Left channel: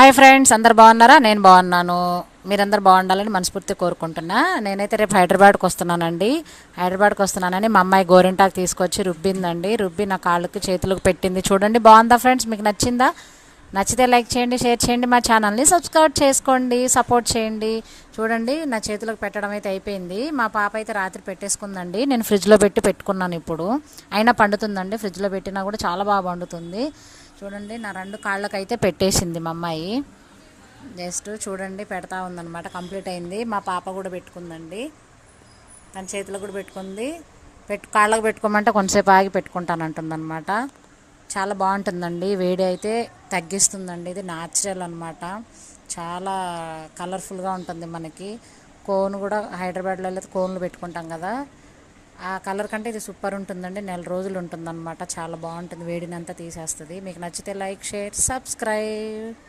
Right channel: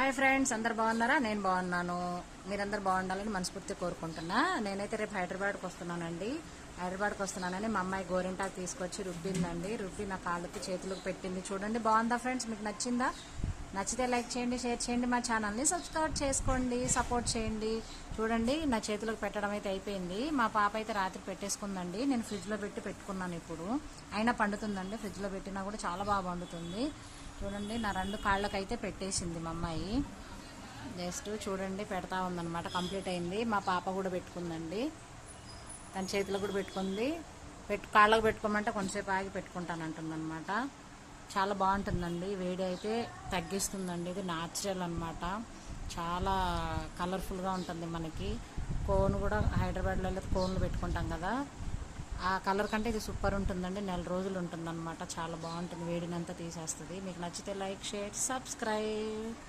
Hi friends, అందరు బాగున్నారా? నేను బాగున్నాను. మీరందరు బాగుండాలని మనస్ఫూర్తి కోరుకుంటున్నా. నేనైతే రేపు హైదరాబాద్కి వస్తున్నానండి. హైదరాబాద్కి వస్తున్నానని మా అమ్మాయి గోరింటాకు తీసుకొచ్చి రుబ్బిందండి. రుబ్బి నా కాళ్ళకి చేతులకు పెట్టింది. చూడండి, బాగుందా ఫ్రెండ్స్? మీకు నచ్చిందా? నచ్చితే లైక్ చేయండి, షేర్ చేయండి, మా ఛానల్ని సబ్స్క్రైబ్ చేసుకోండి, సపోర్ట్ చేయండి. చూడండి, నా చేతులకు పెట్టడం అయితే అయిపోయింది. మా పాప అయితే రాత్రి పెట్టేసుకుందండి. నేను ఫ్రిడ్జ్లో పెట్టుకున్నాను. ఇప్పుడు అయినా పండుతుందండి. ఫ్రిడ్జ్లో పెట్టినా కూడా చాలా బాగా పండుతుంది. చూడండి, నా రెండు కాళ్ళకైతే పెట్టేసింది మా అమ్మాయి. జస్ట్ చూడండి, పెడతా ఉందన్నమాట. కంప్లీట్ అయింది. మా పాప కూడా పెట్టుకుందండి. తన చేతిలో కూడా పెట్టుకుంది. కాళ్ళకు పెట్టుకోమంటే కొంతసేపు ఆగి పెట్టుకుంటానంటుందన్నమాట. చాలా బాగుంటుందండి. వేడి అయితే తగ్గిస్తుందండి. ఇది న్యాచురల్ అనమాట. చాలా కలర్ఫుల్గా ఉంటుంది. మనకి కోన్ కూడా హైదరాబాద్లో అయితే కోన్లు పెట్టుకుంటాం కదా, ఆ కలర్ కంటే ఇది సూపర్ ఉంటుందండి. నెల రోజులు ఉంటుందన్నమాట. చాలా బాగుంటుంది. వేడినంతా తీసేస్తుంది. మీకు నచ్చితే లైక్, షేర్, సబ్స్క్రైబ్.